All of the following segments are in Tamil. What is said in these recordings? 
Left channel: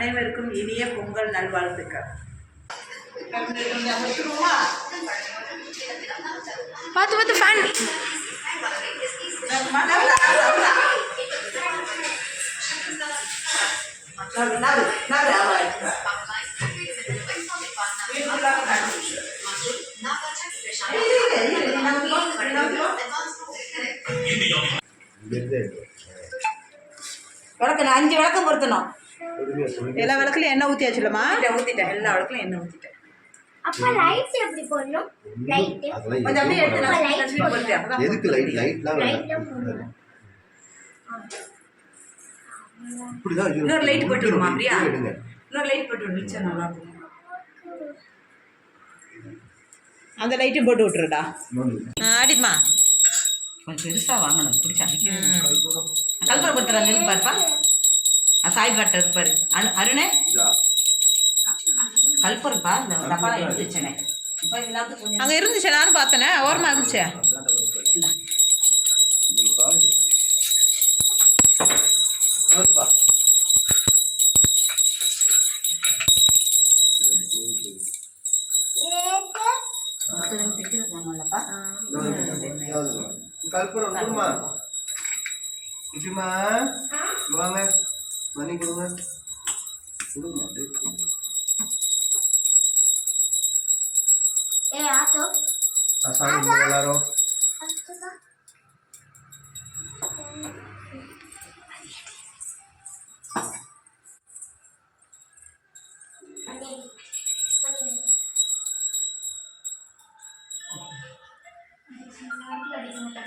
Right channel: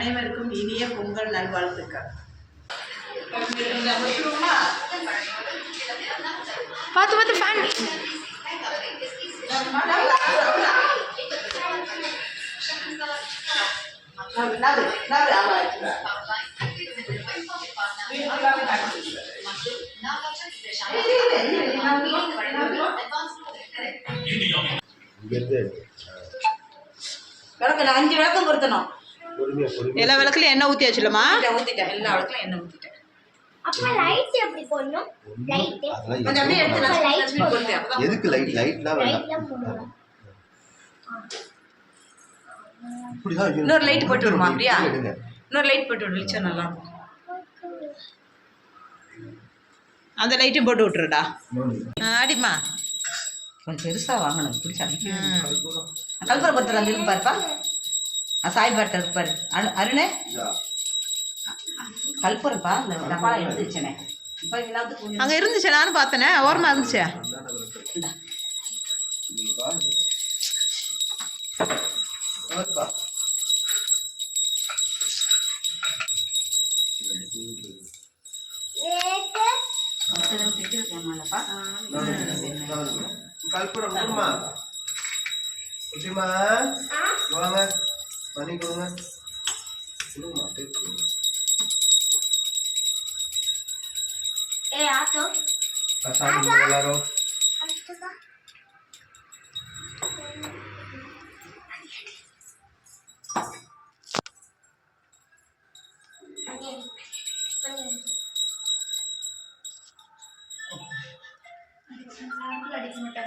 அனைவருக்கும் இனிய பொங்கல் நல்வாழ்த்துக்கள். பார்த்து பார்த்து ஃபேன் விளக்கு அஞ்சு விளக்கம் பொருத்தணும் எல்லா விளக்குலையும் எண்ணெய் ஊற்றியாச்சுலம்மா ஊற்றிட்டேன் எல்லா விளக்கும் எண்ணெய் ஊற்றிட்டேன் அப்பா லைட் எப்படி போடணும்? லைட் கொஞ்சம் அப்படியே எடுத்து எதுக்கு லைட் லைட்லாம் லைட்லாம் போடணும். இன்னொரு லைட் போட்டு விடுமா அப்படியா இன்னொரு லைட் போட்டு விடு வெளிச்சம் நல்லா இருக்கும். அந்த லைட்டையும் போட்டு விட்டுருடா. ஆ, அடிம்மா. கொஞ்சம் பெருசாக வாங்கணும். பிடிச்சா கல்புரம் பத்திரம் பாருப்பா. சாய் பாட்டு இருக்கு பாரு. அரு அருணே? இதா. கல்புரப்பா இந்த டப்பா எடுத்து வச்சேனே இப்போ எல்லாத்துக்கும் கொஞ்சம் அங்கே இருந்துச்சு நானும் பார்த்தேனே. ஓரமாக இருந்துச்சே. இந்தா. இது sorry gue mas lu eh atau asahan gue laro ಅಡಿಕೆ ಮತ್ತೆ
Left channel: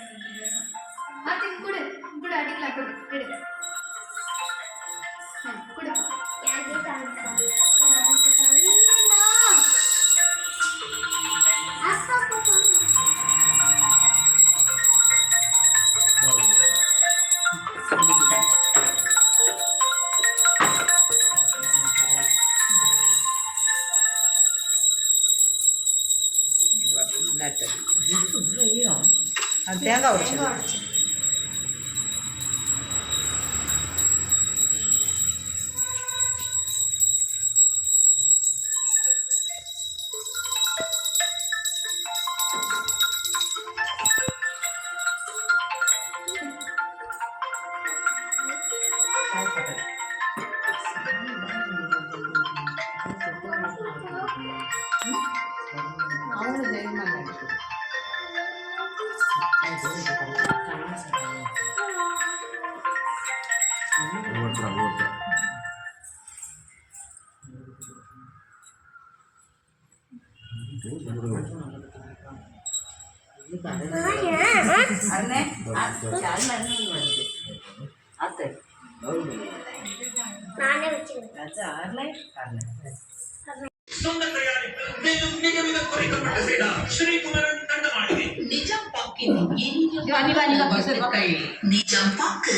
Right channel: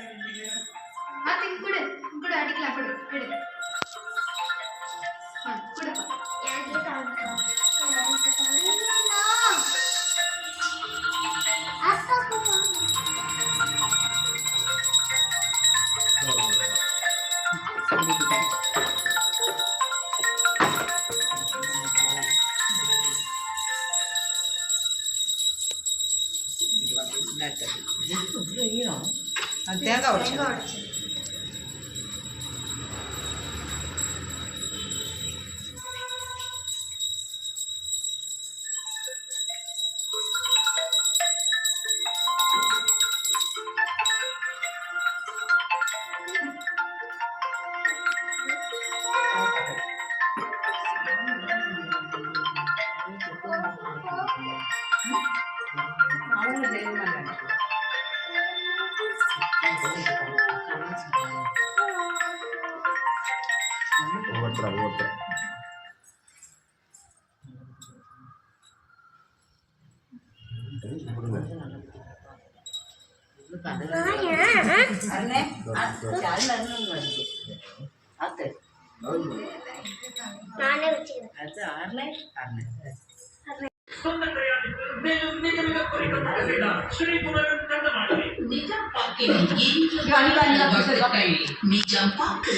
갔다. 아, 내가 오지. ஒவ்வொருத்தரும் ஒவ்வொருத்தரும் நானே வச்சுக்கிறேன். அது அருணே சொந்த தயாரிப்பு மேலும் மிக மிக குறைக்கப்பட்ட விலை ஸ்ரீகுமரன் தங்க மாளிகை நிஜம் பாக்கின் இனிய நிஜம் பாக்கு.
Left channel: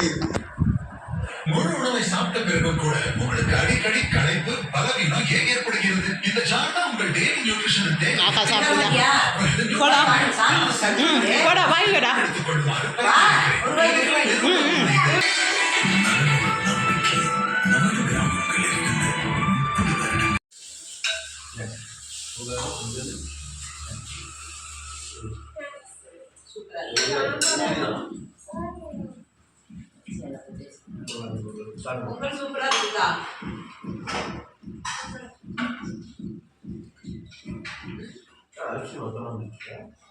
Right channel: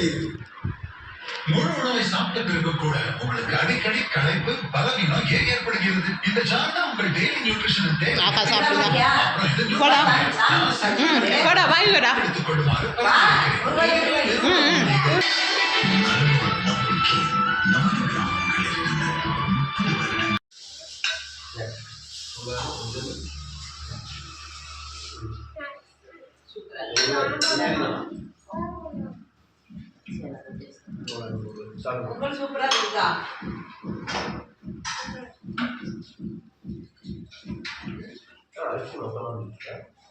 முழு உணவை சாப்பிட்ட பிறகும் கூட உங்களுக்கு அடிக்கடி களைப்பு பலவீனம் ஏன் ஏற்படுகிறது. இந்த தான் உங்கள் டெய்லி நியூட்ரிஷன் தேவை அப்புறம் Super super Ah, adesso non sono amica.